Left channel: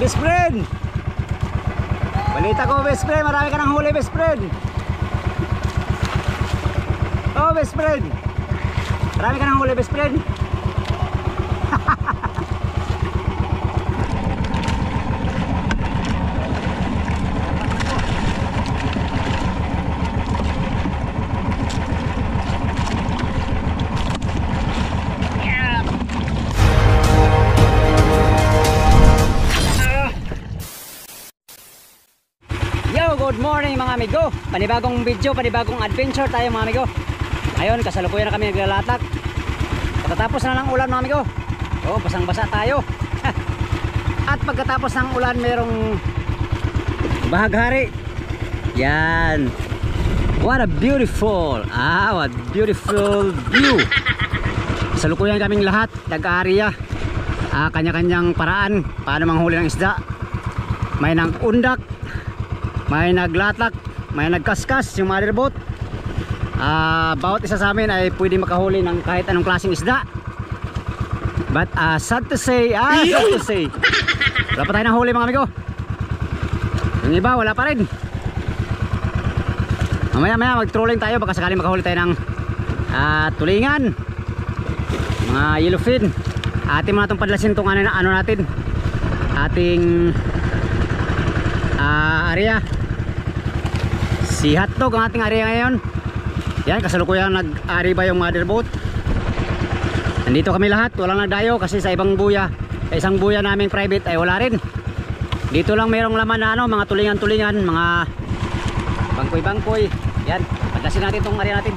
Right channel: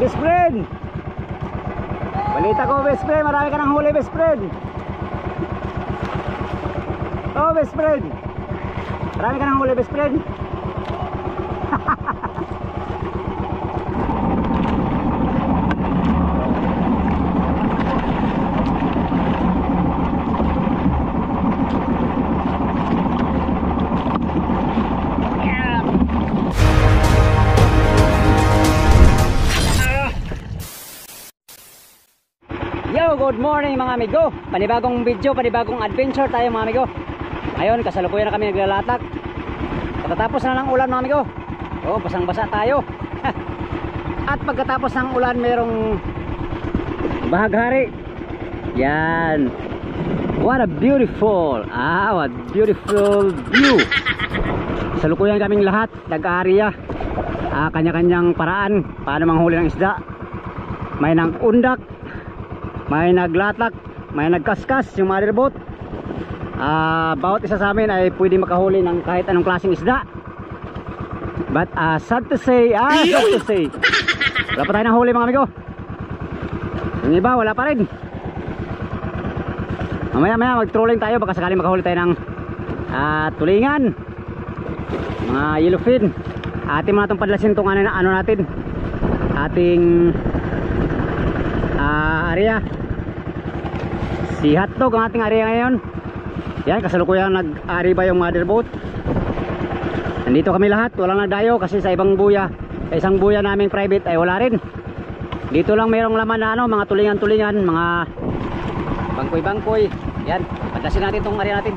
Best friend! Balita ko, best friend, marami ka ng huli, best friend. Oh, best friend, marami ka ng huli, best friend. Good morning mga amigo. Panibagong video, panibagong adventure tayo mga amigo. Ngayon kasalukuyan na kami naglalatak. Pagkatapos na ng ulan mga amigo. Oh, basang-basa tayo. At pagkatapos ng ulan merong bahaghari. Yan. What a beautiful view. Kasalukuyan kaming lahat nag-aariya. Kanya-kanyang paraan paano manghuli ng isda. May nang undak, may naglatak, may nagkaskas yung motherboat. Bawat isa sa amin ay pwede makahuli ng kahit anong klaseng isda. But sad to say, wala pa tayo ng huli mga amigo. Yung iba wala pa rin. Mamaya mag-trolling tayo, baka sakaling makahuli tayo ng tulingan, mga yellowfin. Atin mo na itong padlasin itong ano natin, ating area. Si Hotdog ang ating area ngayon. Yan, kasalukuyan nag-ari ba yung motherboat. Nandito kami lahat, walang nagdayo kasi sa ibang buya, sa isang buya naming private ay wala rin. Dito lang mayroong laman na mga tulingan-tulingan, mga bangkoy-bangkoy. Yan, paglasin natin itong area natin.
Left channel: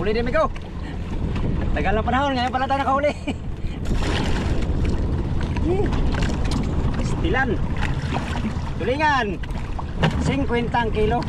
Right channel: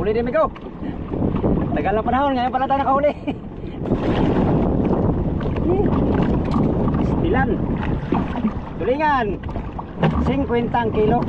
Huli din amigo. Tagal ng panahon, ngayon pala tayo nakahuli. Istilan, tulingan 50 kilo.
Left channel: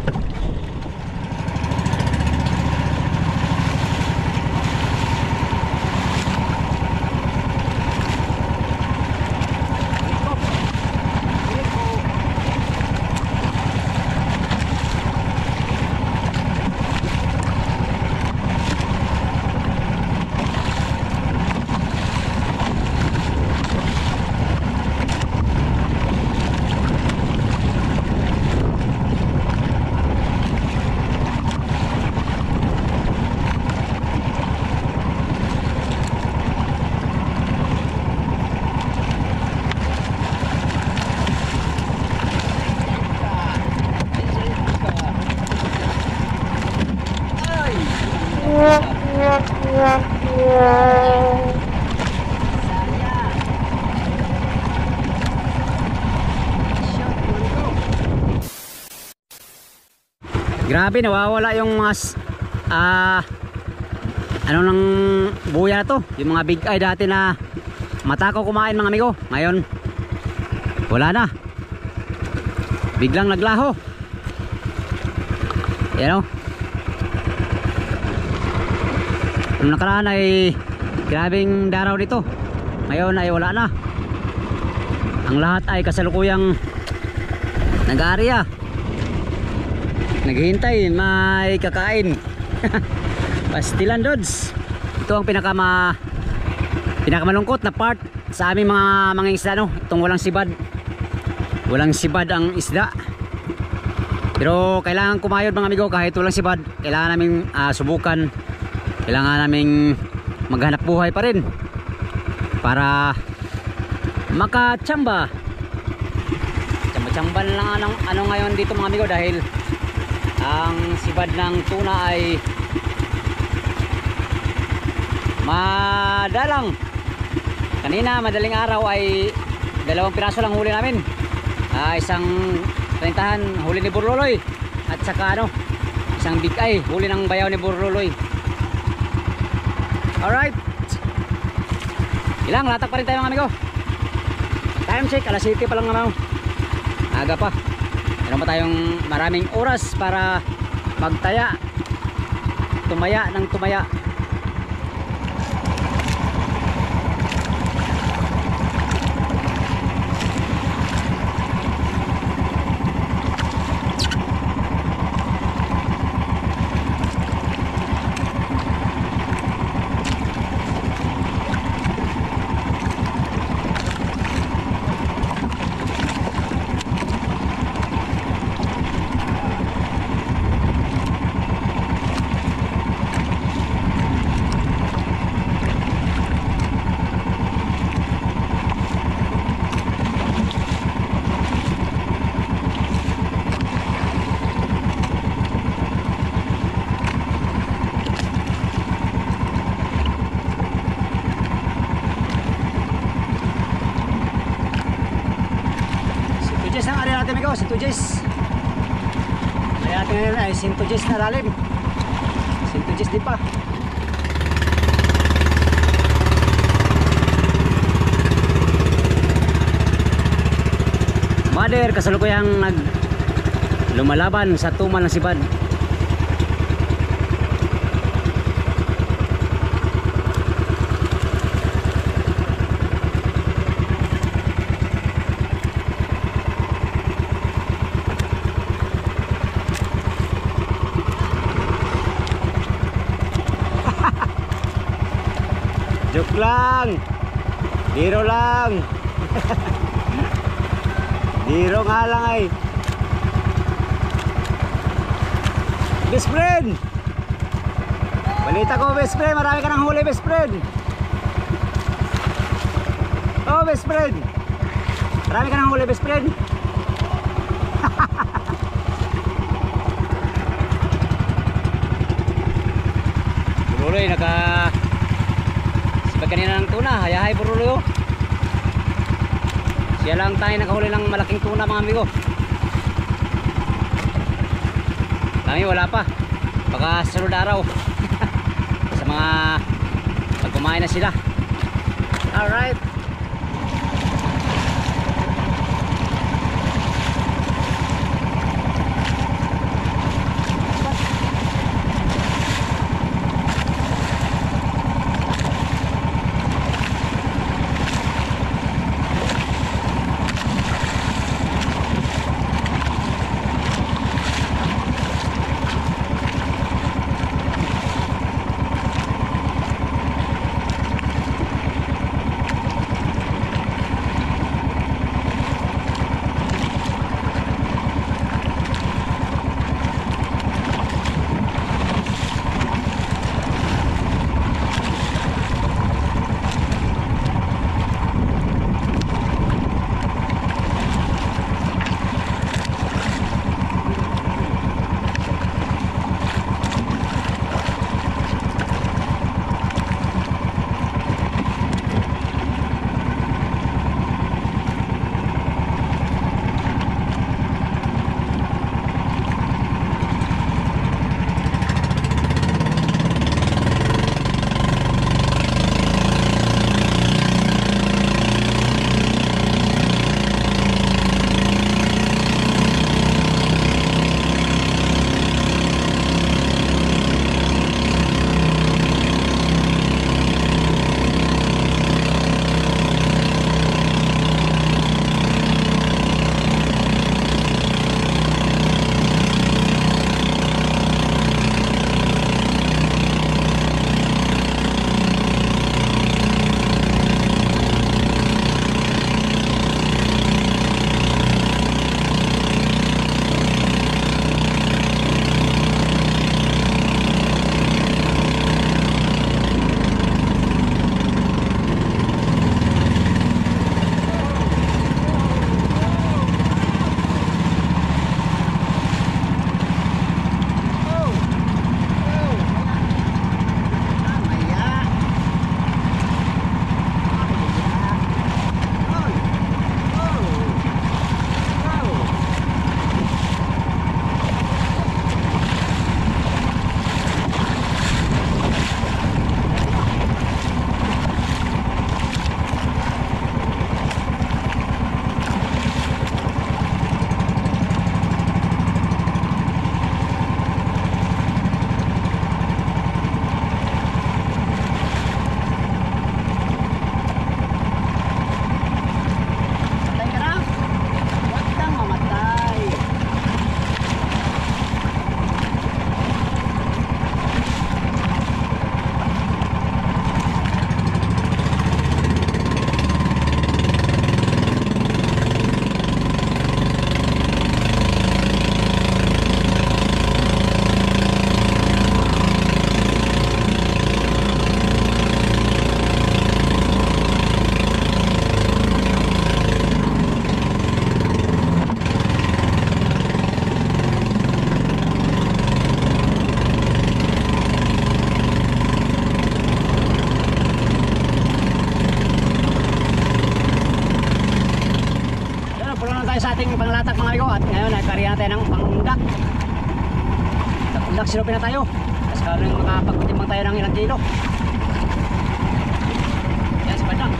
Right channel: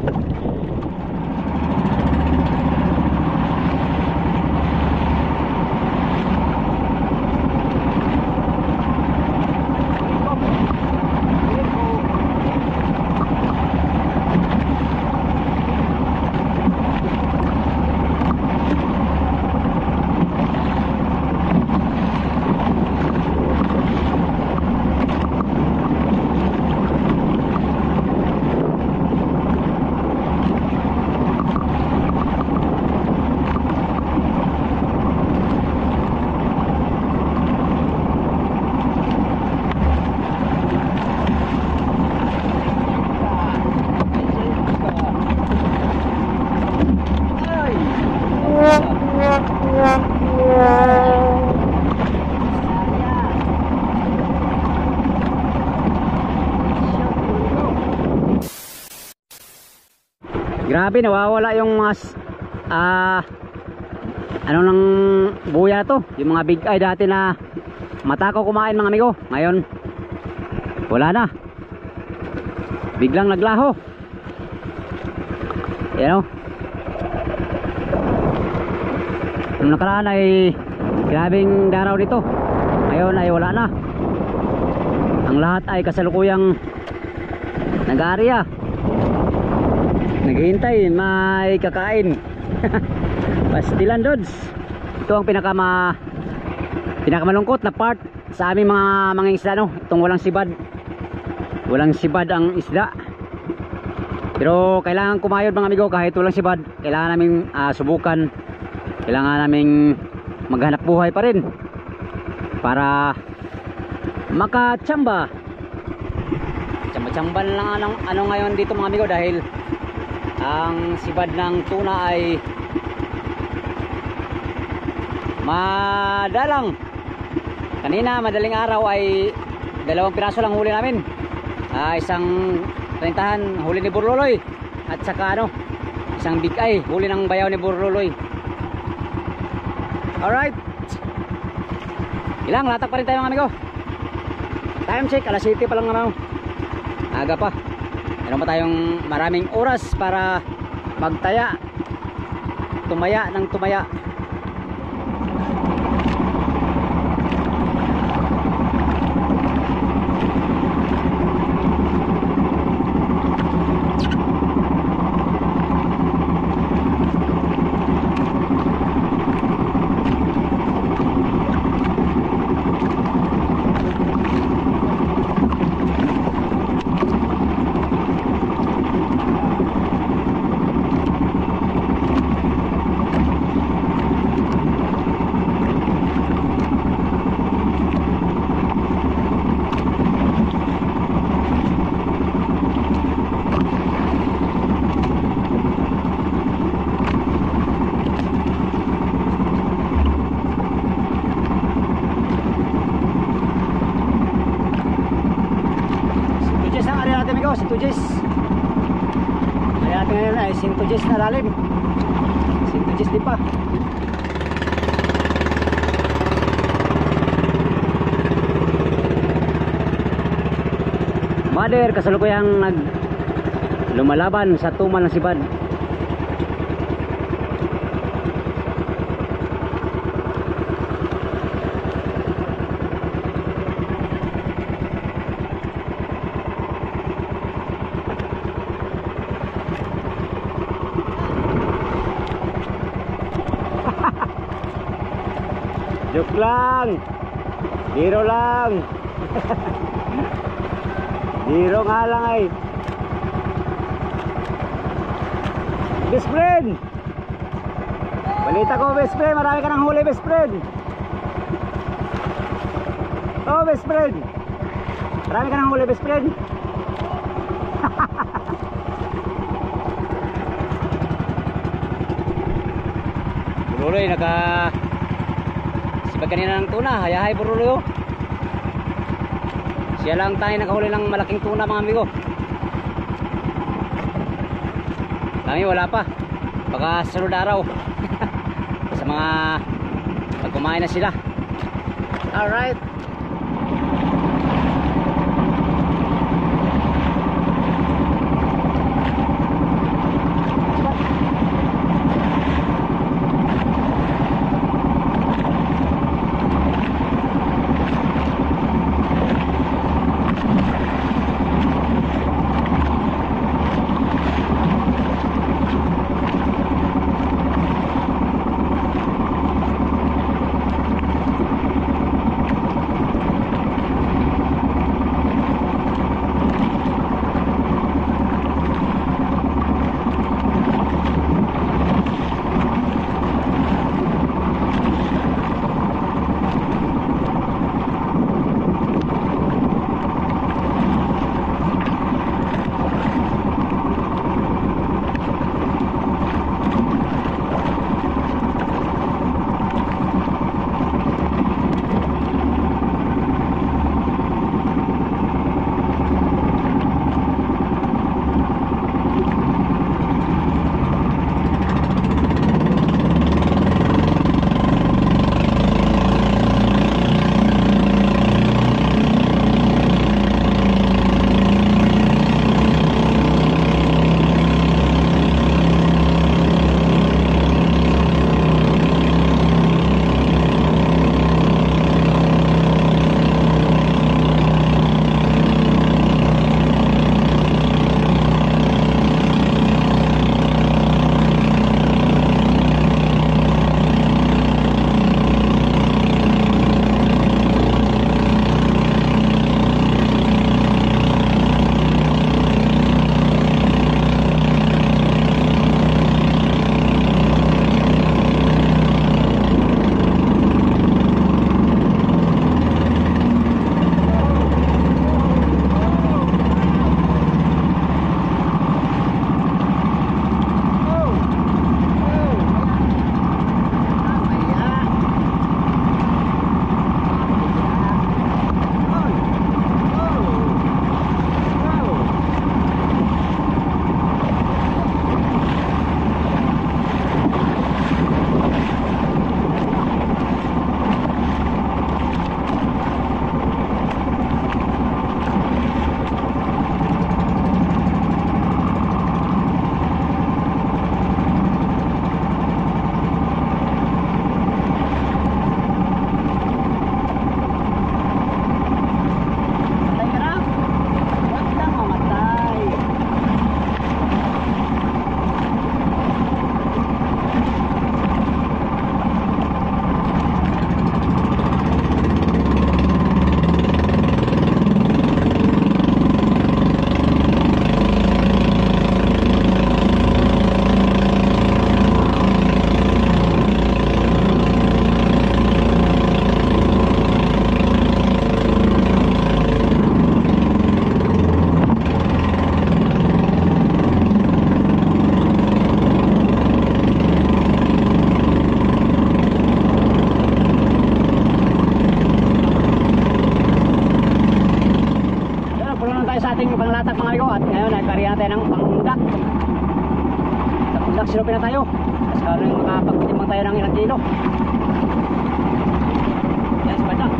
Grabe, nawawala yung mga ano nang buya na to, yung mga big eye dati na matakaw kumain mga amigo. Ngayon wala na, biglang naglaho. You know, nung nakaraan ay grabing daraw dito, ngayon ay wala na. Ang lahat ay kasalukuyang nag-aarya, naghihintay may kakain. Pastilan Dods. Ito ang pinakamalungkot na part sa aming mga isda, no? Itong walang sibad. Walang sibad ang isda. Pero kailangan kumayod mga amigo, kahit walang sibad. Kailangan naming subukan. Kailangan naming maghanap buhay pa rin para makachamba. Chamba-chamba lang ano ngayon dito mga amigo, dahil ang sibad ng tuna ay madalang. Kanina madaling araw ay 2 piraso lang huli namin. Isang 30 huli ni Burluloy, at saka isang big eye huli ng bayaw ni Burluloy. Alright, ilang latak pa rin tayo mga amigo. Time check, alas 7 pa lang naman. Aga pa, meron pa tayong maraming oras para magtaya, tumaya ng tumaya. Sintujes. Kaya natin ngayon ay sintujes na lalim. Sintujes din pa. Mother kasalukuyang lumalaban sa tumal ng sibad. Joke lang, biro lang. Biro nga lang ay. Best friend, balita ko best friend, marami ka ng huli best friend. Oh best friend, marami ka ng huli best friend. Buruloy sibag kanina ng tuna, hayahay Buruloy. Siya lang tayo nakahuli ng malaking tuna mga amigo. Kami wala pa, baka sunod araw. Sa mga pag kumain na sila. Alright, naglatak mga amigo. At ngayon nagkariya na tayo ng pangundak. Undak sinupin na tayo. Kasi kalo makapagtimbang tayo ng ilang kilo. Yan si Badang.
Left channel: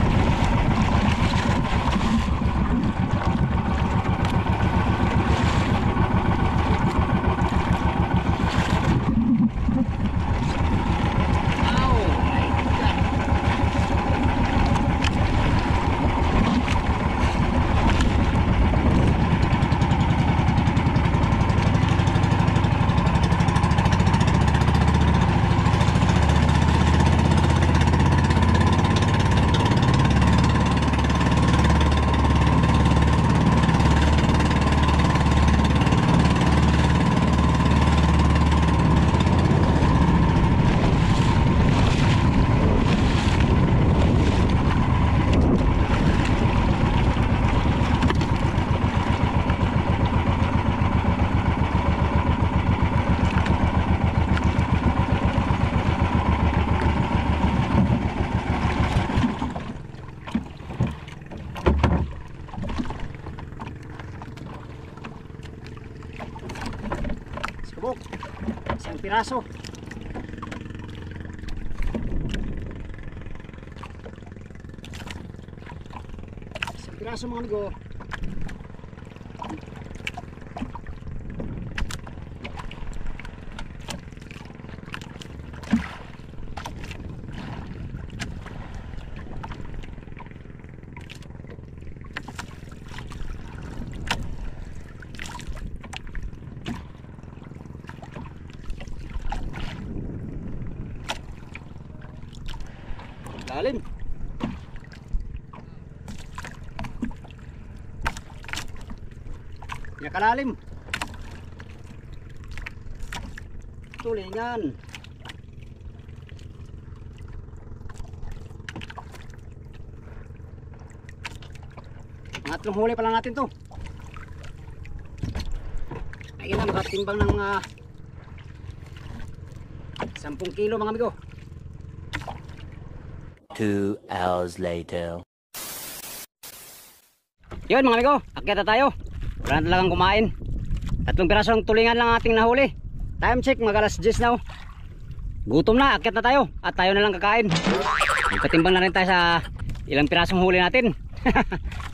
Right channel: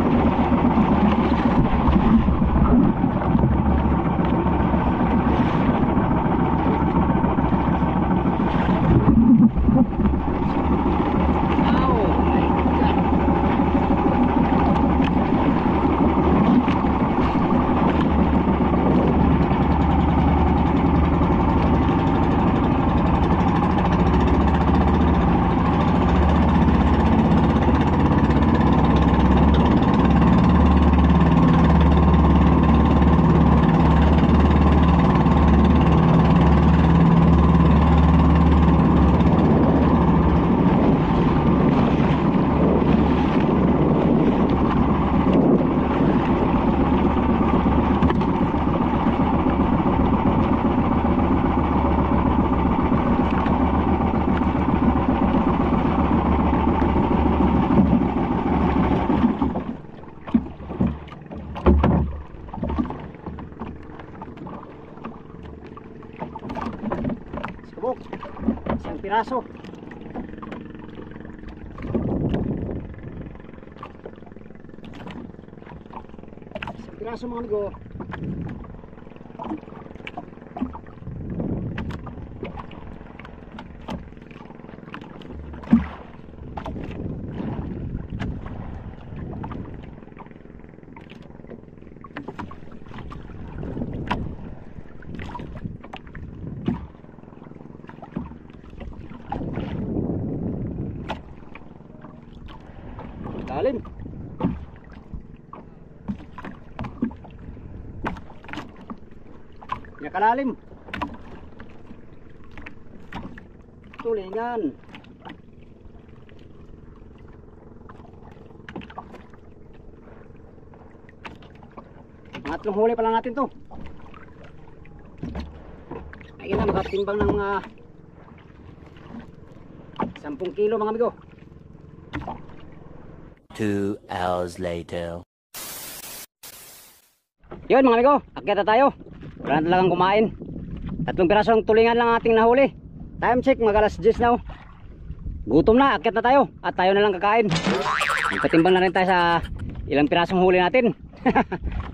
Isang piraso. Isang piraso mga amigo. Lalim. Kalalim. Tulingan. Pangatlong huli pa lang natin to. Ayun na, makatimbang ng mga 10 kilo mga amigo. 2 hours later. Yun mga amigo, akyat na tayo. Wala na talagang kumain. 3 pirasong tulingan lang ating nahuli. Time check, mag alas 10 na. Gutom na, akyat na tayo. At tayo na lang kakain. Magkatimbang na rin tayo sa ilang pirasong huli natin.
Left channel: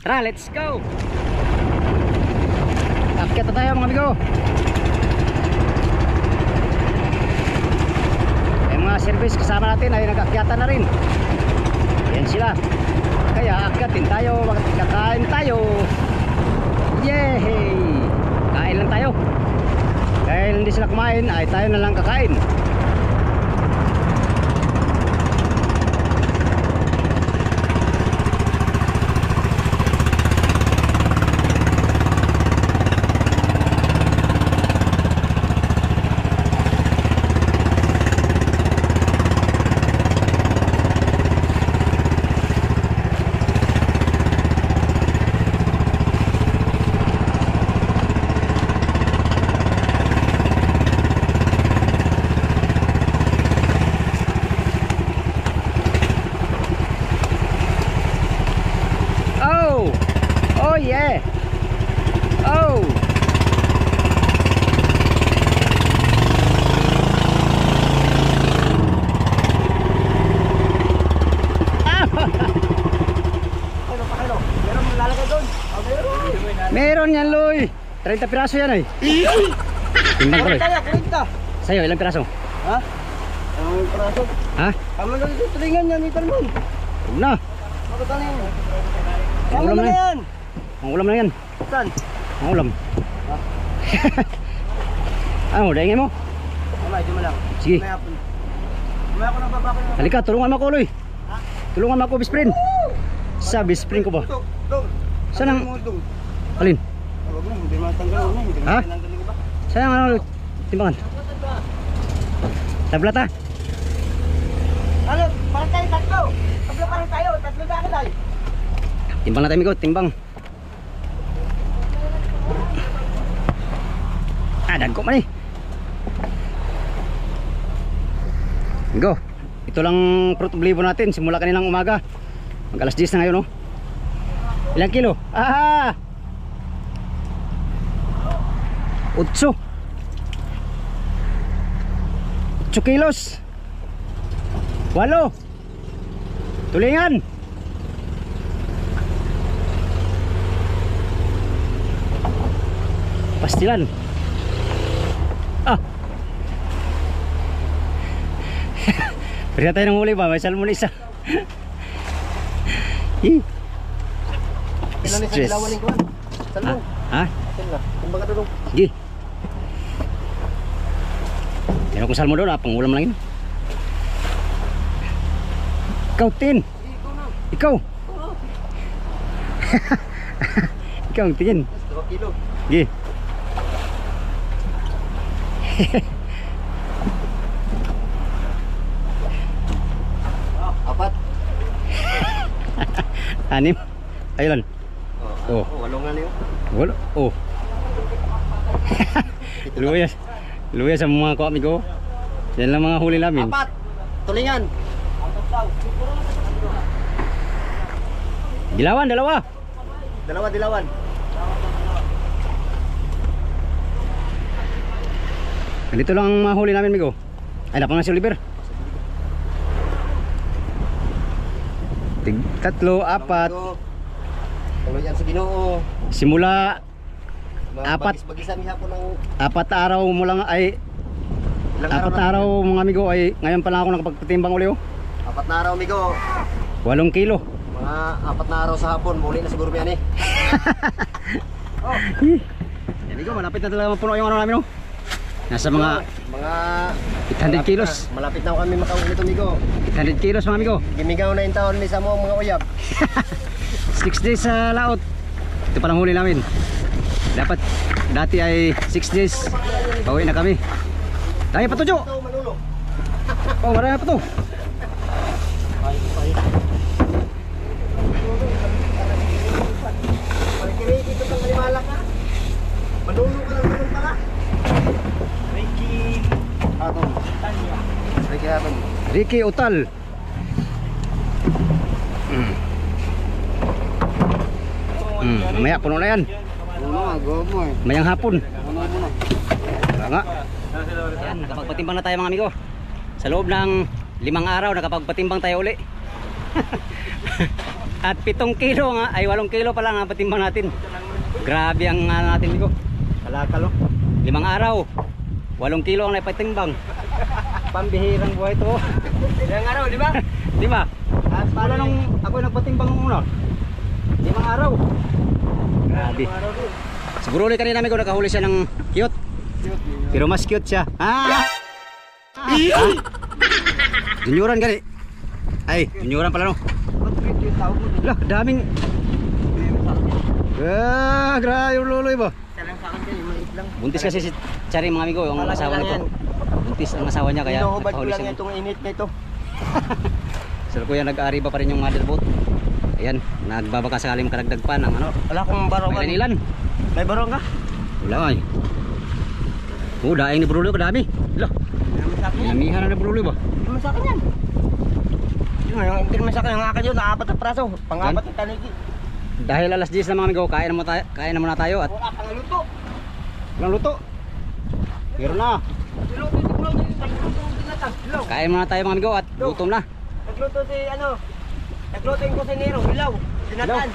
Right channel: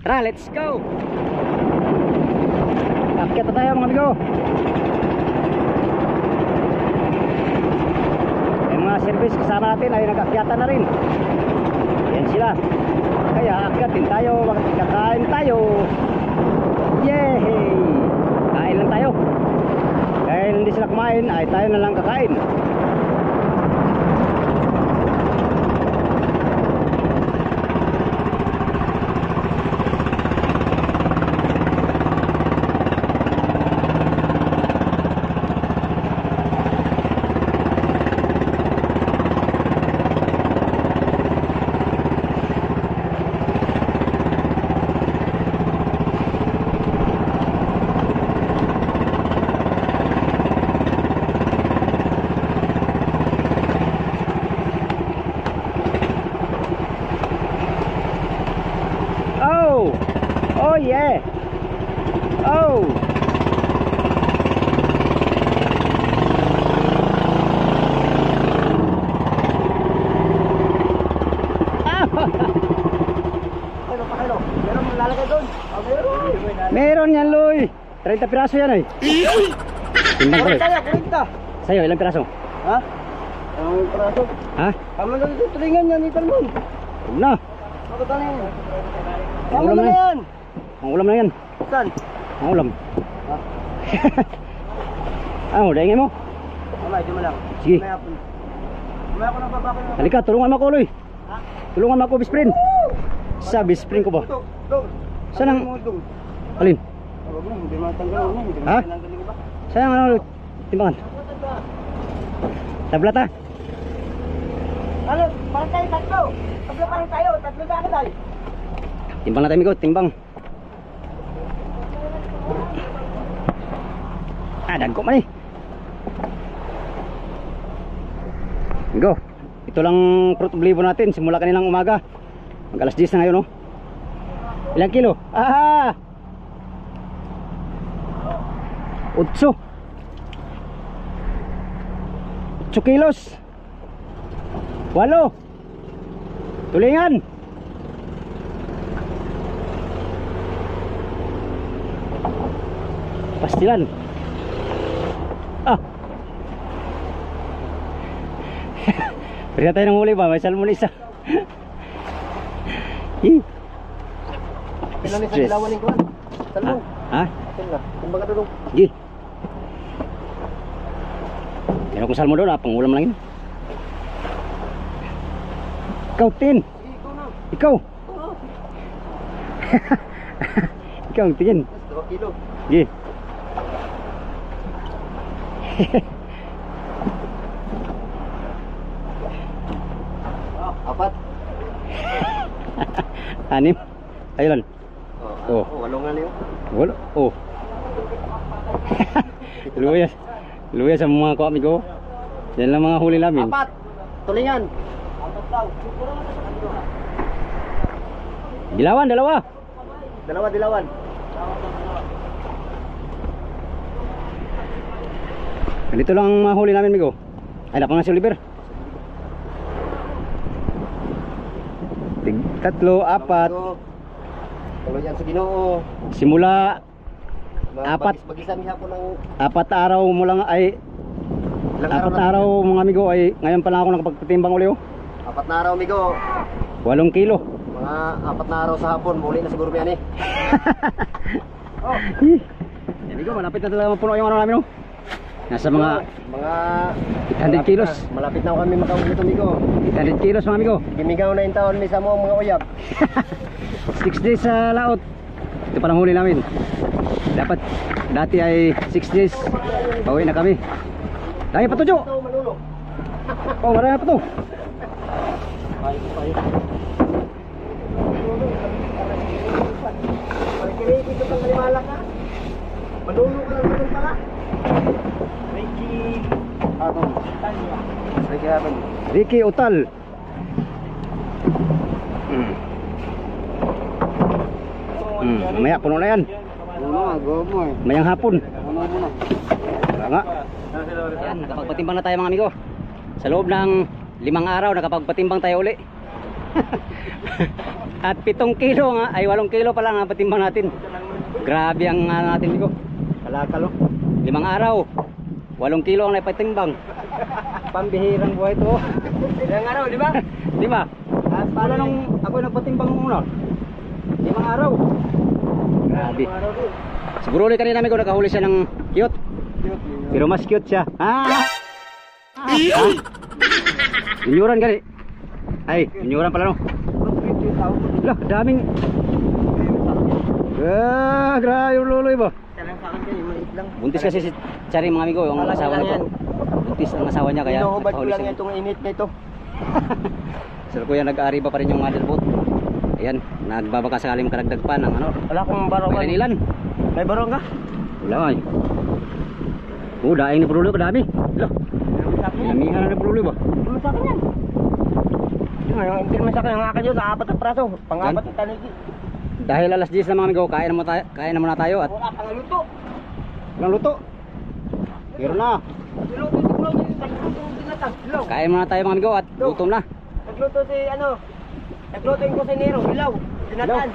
Tara, let's go. Akyat na tayo mga amigo. Yung mga service kasama natin ay nag-akyatan na rin. Yan sila. Kaya akyatin tayo, magkakain tayo. Yay! Kain lang tayo. Dahil hindi sila kumain ay tayo na lang kakain. Oh yeah. Oh. Meron yan, Loy. 30 piraso yan ay. Timbang ko. Sa'yo, ilang piraso? Ha? Ilang piraso? Ha? Kamu na dito tulingan yan, ito naman. Huwag na. Ako tanin. Ang Kamu ulam na na yan. yan. Ang ulam na yan. Saan? Ang ulam. Ano, daingin mo? Mamay, di mo lang. Sige. Mamaya po. Mamaya ko na baba ko na. Halika, tulungan mo ako, Loy. Tulungan mo ako, best friend. Sa best friend ko ba? Dong. Saan ang... Mo, dong. Alin? Huwag mo, hindi matanggal mo. Hindi Ha? matanggal ko ba? Saan ang ano, timbangan? Tablat ha? Ano? Parang tayo tatlo. Tatlo pa rin tayo. Tatlo na ako tayo. Timbang na tayo, Migo. Timbang. Dagko man eh. Migo. Ito lang fruit oblivo natin. Simula kanilang umaga. Mag alas 10 na ngayon, no? Ilang kilo? Ah! 8 kilos. 8 tulingan. Pastilan. Beri tayo ng huli ba? May salmon isa. Ilan ni sa Stress. dilawan ni kuan? Salmon. Ha? Sila. Kumbaga dulong. Sige. Meron kong salmon doon, pangulam lang yun. Ikaw, Tin. Ikaw. Ikaw ang tingin. 2 kilo. Sige. Apat. 6. Ayun. Oh. Walong nga niyo. Wala. Oh. Luya. Luya sa mga amigo. Yan lang mga huli namin. 4. Tulingan. Dilawan, 2. Dalawa dilawan. Ganito lang ang mga huli namin, amigo. Ay, napang na si Oliver. 3, 4. Tuloy yan sa Ginoo. Simula 4 Bagisan niya po ng 4 araw mo lang ay ilang 4 araw mga amigo ay ngayon pa lang ako nakapagpatimbang uli. 4 na araw, amigo. 8 kilo. Mga 4 na araw sa hapon, muli na siguro yan eh. Amigo, malapit na talaga mapuno yung ano namin, no? Nasa mga 800 kilos. Malapit na kami makauwi nito, amigo. 800 kilos mga amigo. Gimigaw na yung taon ni sa mga uyab. 6 days sa laot. Ito palang huli namin. Dapat dati ay 6 days. Pauwi na kami. Dami pa to, Jo. Ito, Manolo. Oh, marami pa to. Pagkiriti ito pang malimalak ka. Manolo ka lang naman pala. Ricky Aton. Ricky Aton. Ricky Utal. Mamaya puno na yan. Ano, agomo eh. Mayang hapon. Ano mo na? Wala nga. Ayan, nakapagpatimbang na tayo mga amigo. Sa loob ng 5 araw nakapagpatimbang tayo uli. At 7 kilo nga, ay 8 kilo pa lang ang patimbang natin. Grabe ang natin amigo. Kalakal, oh. 5 araw 8 kilo ang naipatimbang. Pambihirang buhay to. Ilang araw, di ba? Di ba? Wala nung ako nagpatimbang muna. 5 araw. Grabe. Siguro ulit kanina amigo nakahuli siya ng cute. Pero mas cute siya. Junioran gani. Ay, junioran pala no. Lah, daming. Grabe yung luloy ba? Buntis kasi si Chari mga amigo, yung asawa nito. Buntis ang asawa niya kaya Inuhubad ko nakahuli lang siya. itong init na ito. Sir kuya nag-aari pa rin yung mother boat. Ayan, nagbabaka sakali makaragdag pa ng ano. Wala akong barong. May ilan? May barong ka? Wala ay. Oh, daing na brulo kadami. Lah. Namihan na brulo ba? Hindi mo sa akin yan. Hindi naman sa akin. Ang akin yun, 4 na praso. Pang-4 na tanigi. Dahil alas 10 na mga amigo, kain na muna tayo at Wala pang luto. walang luto. Pero na. Niluto si Bro. Nagluto yung binatang. Hilaw. Kain muna tayo mga amigo at gutom na. Nagluto si ano. Nagluto yung kusinero. Hilaw. Binatan.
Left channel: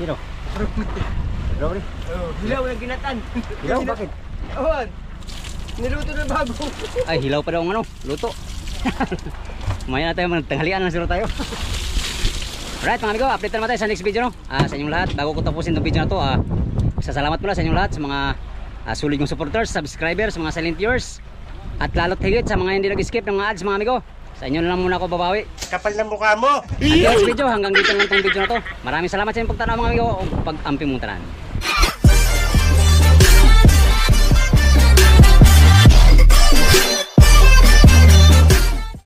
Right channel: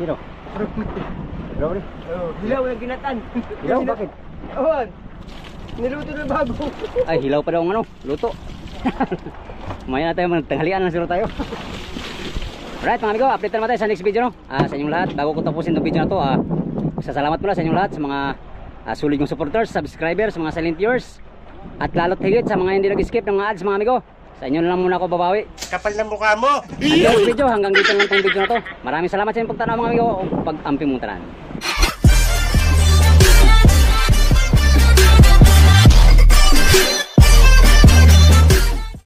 Sino? Bro, Hilaw yung ginatan. Hilaw, bakit? Awan. Niluto na bago. Ay, hilaw pa daw ang ano, luto. Maya na tayo, magtanghalian na siguro tayo. Alright mga amigo, update naman tayo sa next video no? Sa inyong lahat, bago ko tapusin itong video na to, salamat muna sa inyong lahat, sa mga sulit yung supporters, subscribers, mga silent viewers, at lalo't higit sa mga hindi nag-skip ng mga ads mga amigo. Sa inyo na lang muna ako babawi. Kapal ng mukha mo. Next video, hanggang dito lang itong video na to. Maraming salamat sa inyong pagtanaw mga amigo, o pag-amping mong tanan.